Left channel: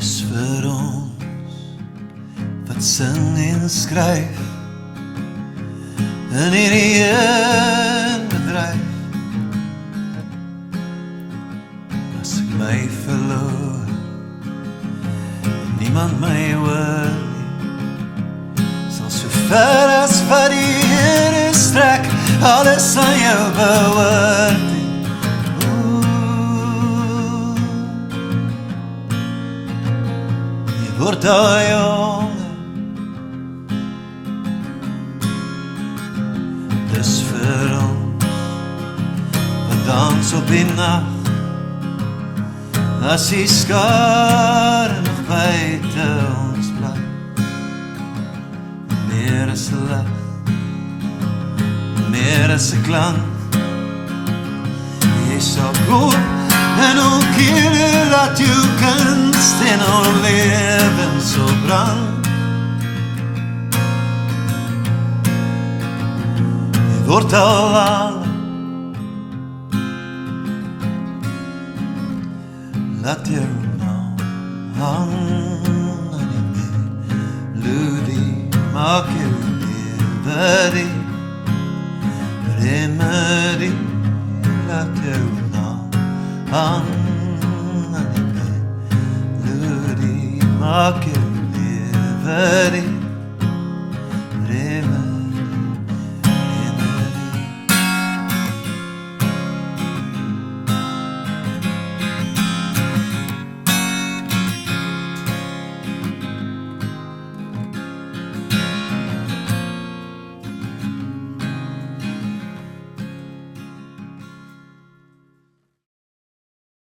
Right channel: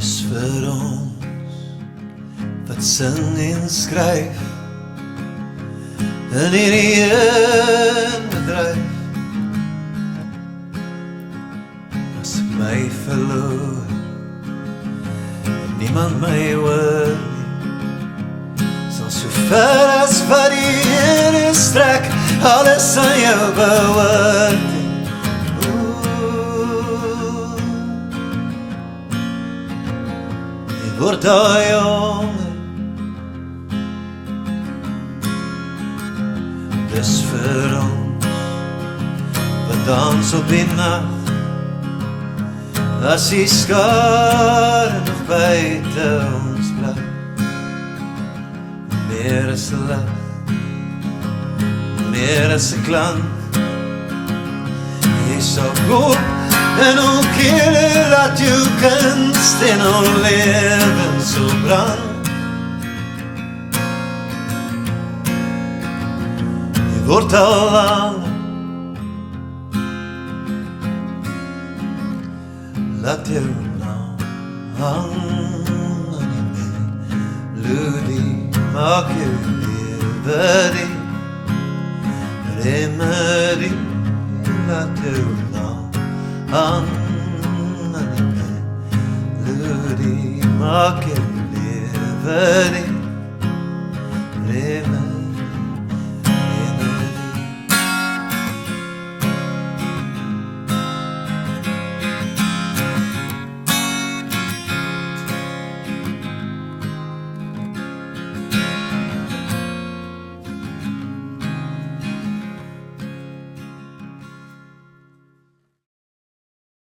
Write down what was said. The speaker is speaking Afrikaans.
Dis vir ons wat sing en skryf in hierdie een bedryf. As ek my verloor en niemand my hoor nie, sal so ver as wat die Here strek alles aan jou behoort. Word al jonger, dis vir ons wat dans op die nacht, as die skare nog buite ons bly. Meer as 'n lig, meer as 'n klank, jy sal koop en ook hier laat jou kunst in al leven so brand. Jy word al langer, laat jou naam hang aan die melodie, maak jou lewe die remedie, laat jou naam hang aan die melodie, maak jou lewe die